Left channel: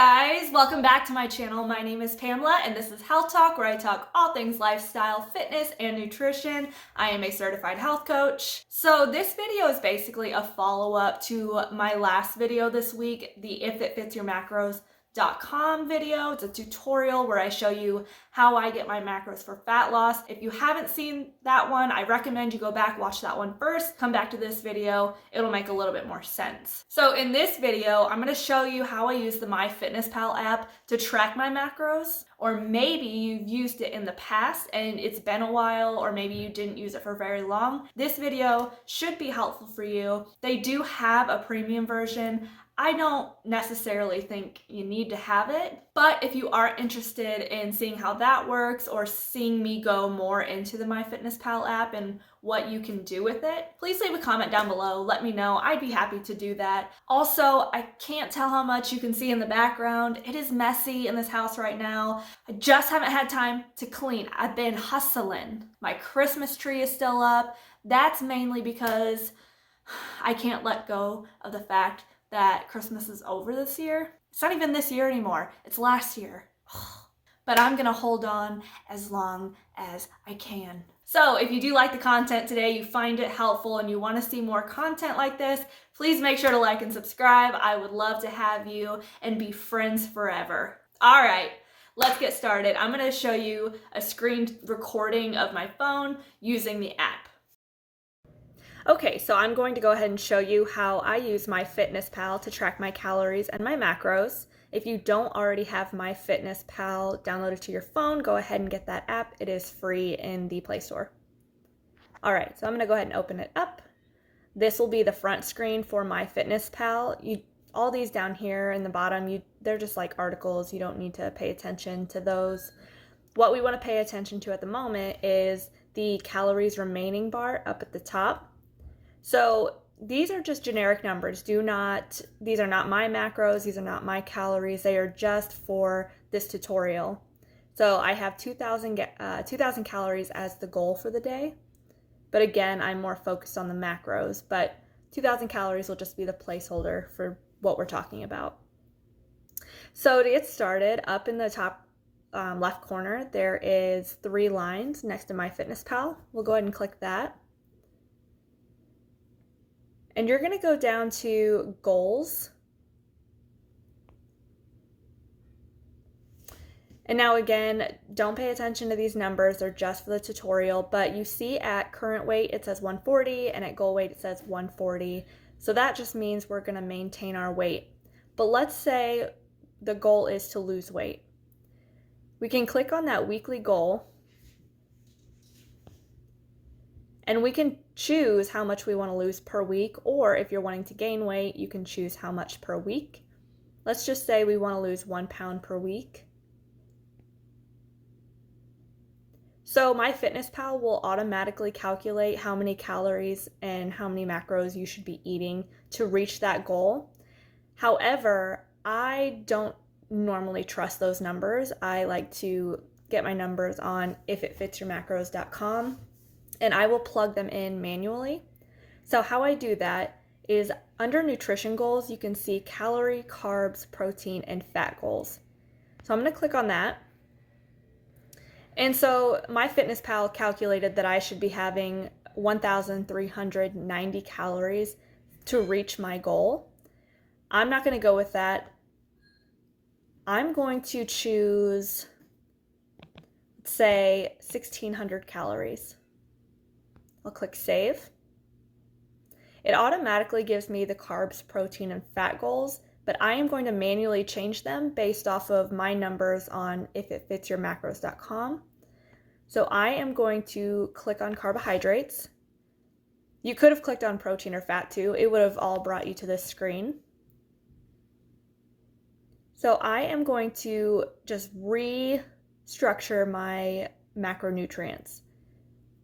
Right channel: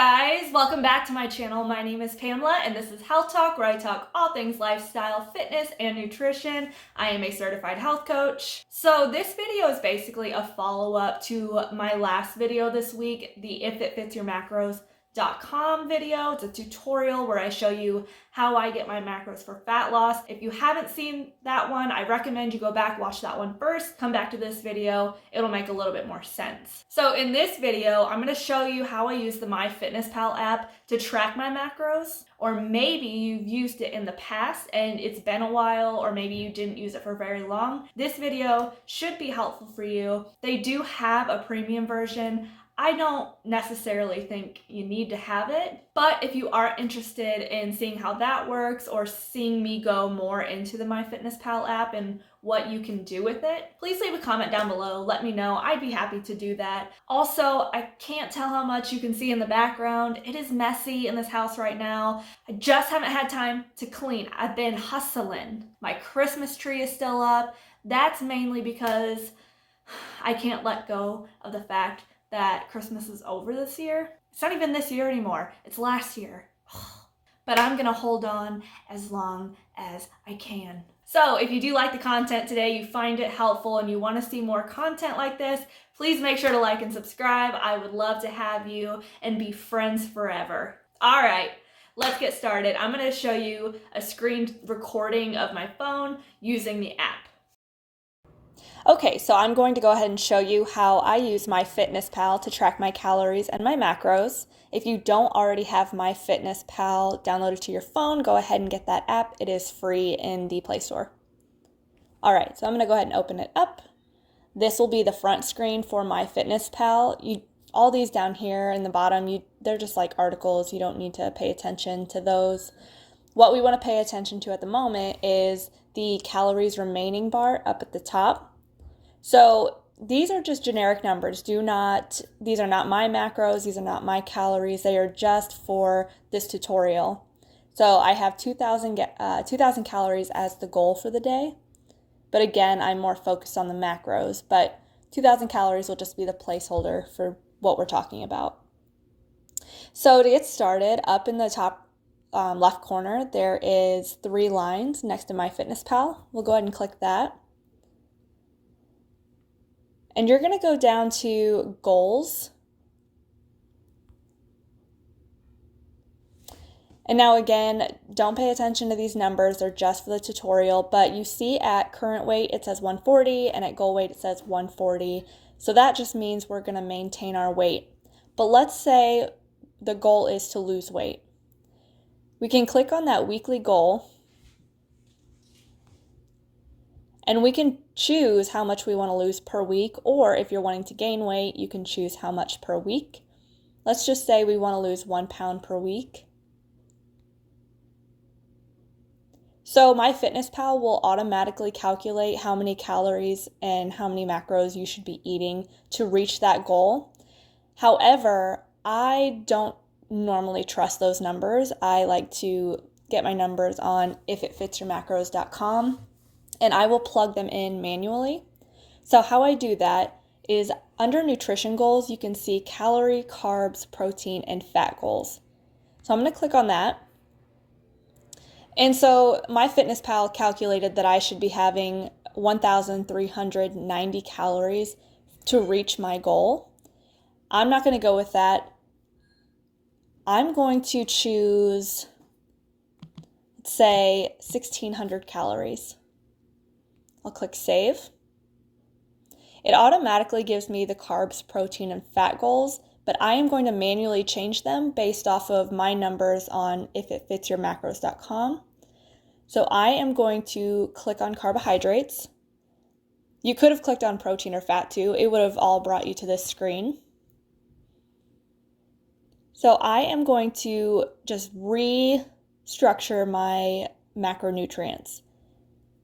guys, welcome back to my channel. My name is Pamela and this is Health Talk, where I talk all things lifestyle, fitness, and nutrition. I am a certified health coach. So this video is basically a follow-up to my last video this week, the If It Fits Your Macros.com video. It's a tutorial where I show you how I get my macros for fat loss. If you haven't seen that one, I recommend you go back, watch that one first, come back to this video. It'll make a little bit more sense. So in this video, I'm gonna show you how I use the MyFitnessPal app to track my macros, or maybe you've used it in the past and it's been a while, or maybe you didn't use it for very long. This video should be helpful for you. They do have a premium version. I don't necessarily think you need to have it, but if you are interested in seeing how that works or seeing me go more into the MyFitnessPal app and what you can do with it, please leave a comment down below. Let me know. I'd be happy to do that. Also, I can't tell how much you can see in the background. It is messy in this house right now. I just haven't had time to clean. I've been hustling. My Christmas tree is still up. That's mainly because I can't let go of the fact that Christmas is over this year. It's not even this year anymore. It's last year. But I'm gonna hold on as long as I can. So if you do like the content today, you find it helpful, and you wanna see more content like this, please make sure to like and subscribe. I would love to have you and be friends forever. All right, let's get started. I'm gonna show you a screen recording of my phone using the app. Okay, so I'm going to go ahead and show you how I use MyFitnessPal to track my calories and my macros. If you don't already have MyFitnessPal downloaded to your phone, go ahead and get that app. It is free in the Play Store. All right, so I'm going to go ahead and open it up. This will be the front screen for MyFitnessPal. All these down here in the bottom, they're just like articles. You don't need to pay attention to those. What we want to pay attention to at the moment is the calories remaining bar up at the top. So these are just generic numbers. These are not my macros, these are not my calories, they are just for this tutorial. So I have 2,000 calories as the goal for the day, but again, I'm more focused on the macros, but 2,000 calories will just be the placeholder for what we're talking about. So to get started, up in the top left corner, there is 3 lines next to MyFitnessPal. We'll go ahead and click that. And you're going to go down to goals. And now again, don't pay attention to these numbers. They're just for the tutorial. But you see at current weight, it says 140, and at goal weight, it says 140. So that just means we're going to maintain our weight. But let's say the goal is to lose weight. We can click on that weekly goal, and we can choose how much we want to lose per week, or if you're wanting to gain weight, you can choose how much per week. Let's just say we want to lose 1 pound per week. So MyFitnessPal will automatically calculate how many calories and how many macros you should be eating to reach that goal. However, I don't normally trust those numbers. I like to get my numbers on ifitfitsyourmacros.com. and I will plug them in manually. So how I do that is under nutrition goals, you can see calorie, carbs, protein, and fat goals. So I'm going to click on that. And so MyFitnessPal calculated that I should be having 1,390 calories to reach my goal. I'm not going to go with that. I'm going to choose, let's say, 1,600 calories. I'll click save. It automatically gives me the carbs, protein, and fat goals, but I am going to manually change them based off of my numbers on ifitfitsyourmacros.com. So I am going to click on carbohydrates. You could have clicked on protein or fat too. It would have all brought you to this screen. So I am going to just restructure my macronutrients.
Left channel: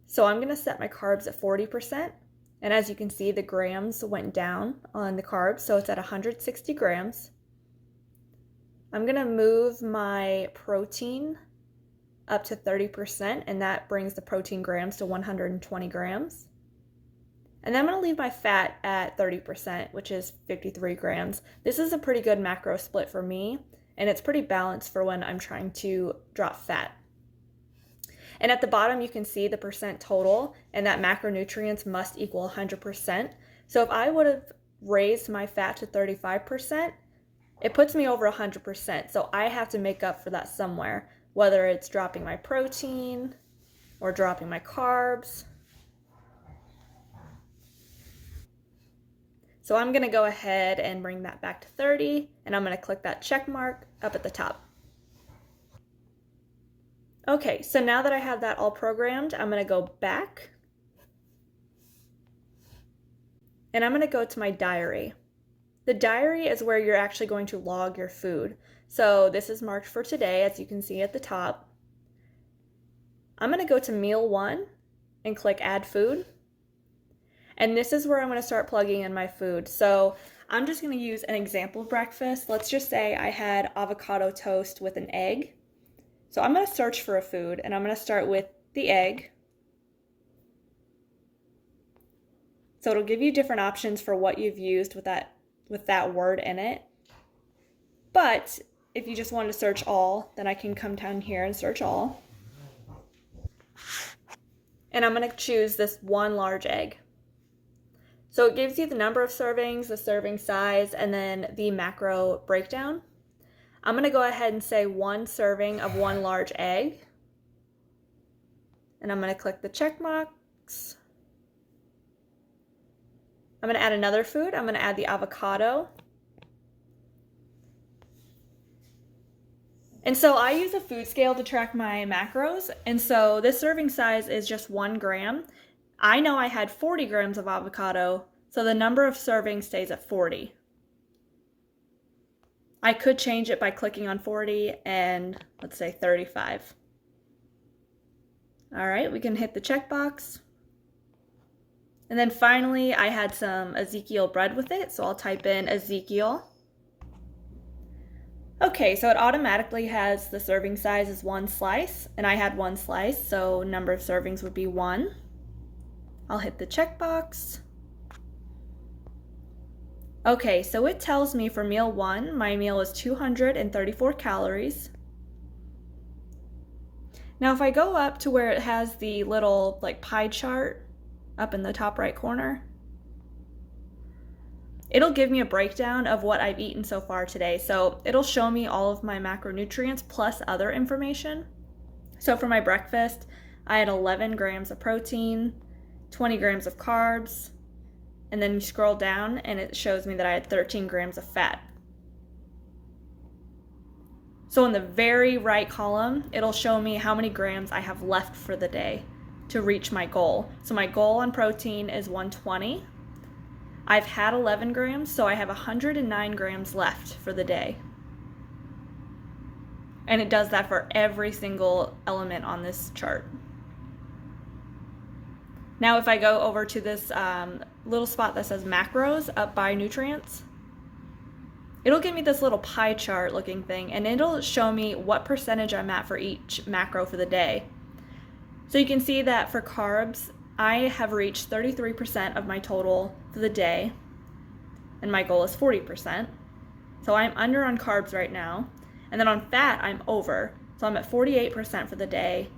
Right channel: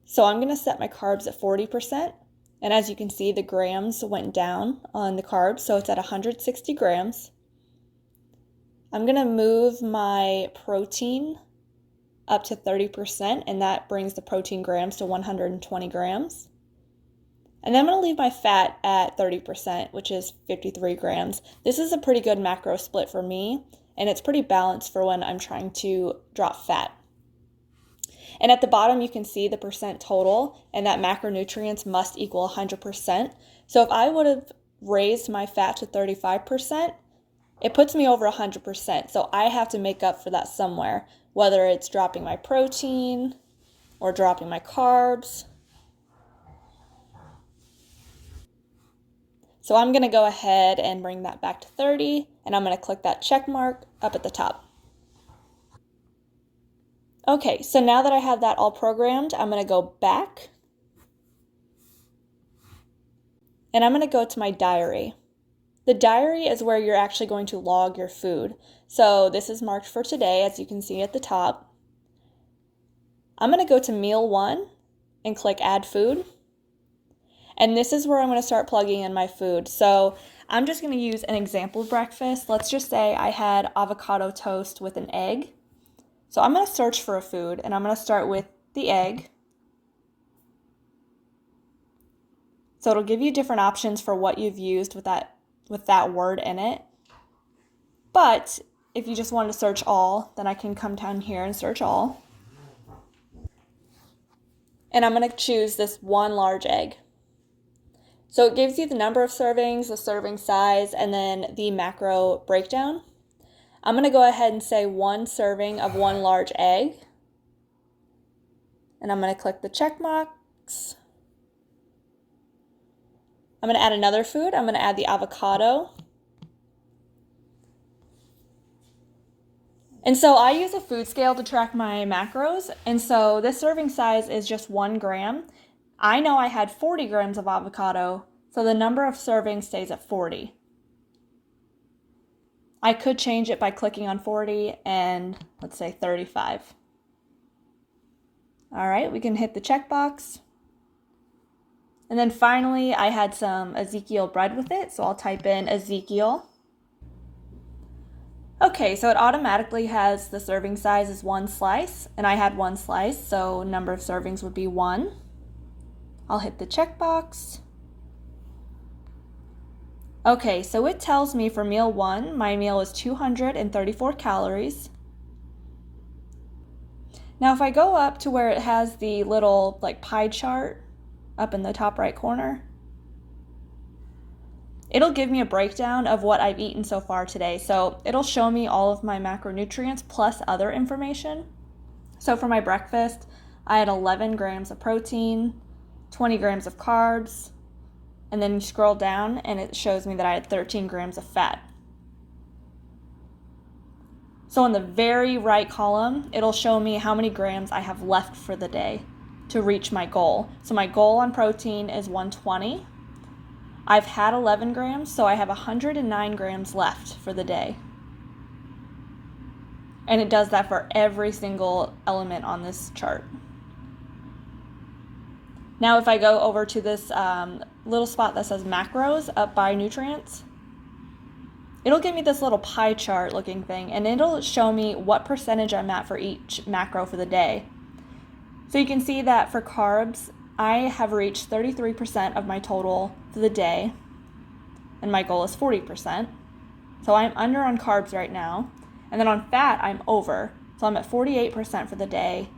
So I'm going to set my carbs at 40%, and as you can see, the grams went down on the carbs, so it's at 160 grams. I'm going to move my protein up to 30%, and that brings the protein grams to 120 grams. And then I'm going to leave my fat at 30%, which is 53 grams. This is a pretty good macro split for me, and it's pretty balanced for when I'm trying to drop fat. And at the bottom, you can see the percent total, and that macronutrients must equal 100%. So if I would have raised my fat to 35%, it puts me over 100%. So I have to make up for that somewhere, whether it's dropping my protein or dropping my carbs. So I'm going to go ahead and bring that back to 30, and I'm going to click that check mark up at the top. Okay, so now that I have that all programmed, I'm going to go back, and I'm going to go to my diary. The diary is where you're actually going to log your food. So this is marked for today, as you can see at the top. I'm going to go to meal 1 and click add food. And this is where I'm going to start plugging in my food. So I'm just going to use an example breakfast. Let's just say I had avocado toast with an egg. So I'm going to search for a food, and I'm going to start with the egg. So it'll give you different options for what you've used with that word in it. But if you just want to search all, then I can come down here and search all. And I'm going to choose this 1 large egg. So it gives you the number of servings, the serving size, and then the macro breakdown. I'm going to go ahead and say 1 serving of 1 large egg. And I'm going to click the check box. I'm going to add another food. I'm going to add the avocado. And so I use a food scale to track my macros. And so this serving size is just 1 gram. I know I had 40 grams of avocado, so the number of servings stays at 40. I could change it by clicking on 40 and let's say 35. All right, we can hit the checkbox. And then finally, I had some Ezekiel bread with it, so I'll type in Ezekiel. Okay, so it automatically has the serving size as 1 slice, and I had 1 slice, so number of servings would be 1. I'll hit the checkbox. Okay, so it tells me for meal 1, my meal is 234 calories. Now if I go up to where it has the little pie chart up in the top right corner, it'll give me a breakdown of what I've eaten so far today. So it'll show me all of my macronutrients plus other information. So for my breakfast, I had 11 grams of protein, 20 grams of carbs, and then you scroll down and it shows me that I had 13 grams of fat. So in the very right column, it'll show me how many grams I have left for the day to reach my goal. So my goal on protein is 120. I've had 11 grams, so I have 109 grams left for the day. And it does that for every single element on this chart. Now if I go over to this little spot that says macros up by nutrients, it'll give me this little pie chart looking thing, and it'll show me what percentage I'm at for each macro for the day. So you can see that for carbs, I have reached 33% of my total for the day, and my goal is 40%. So I'm under on carbs right now. And then on fat, I'm over. So I'm at 48% for the day,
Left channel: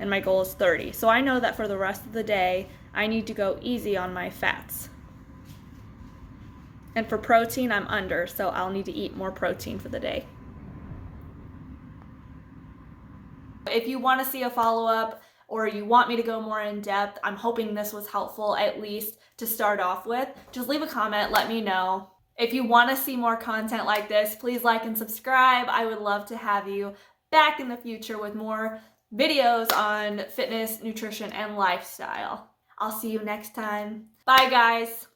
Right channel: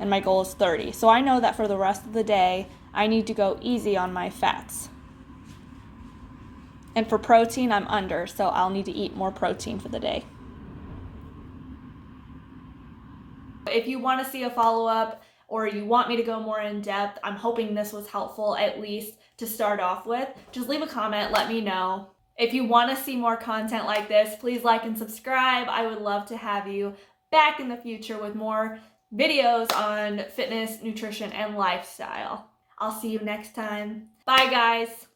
and my goal is 30. So I know that for the rest of the day, I need to go easy on my fats. And for protein, I'm under, so I'll need to eat more protein for the day. If you want to see a follow-up or you want me to go more in depth, I'm hoping this was helpful at least to start off with. Just leave a comment, let me know. If you want to see more content like this, please like and subscribe. I would love to have you back in the future with more videos on fitness, nutrition, and lifestyle. I'll see you next time. Bye, guys.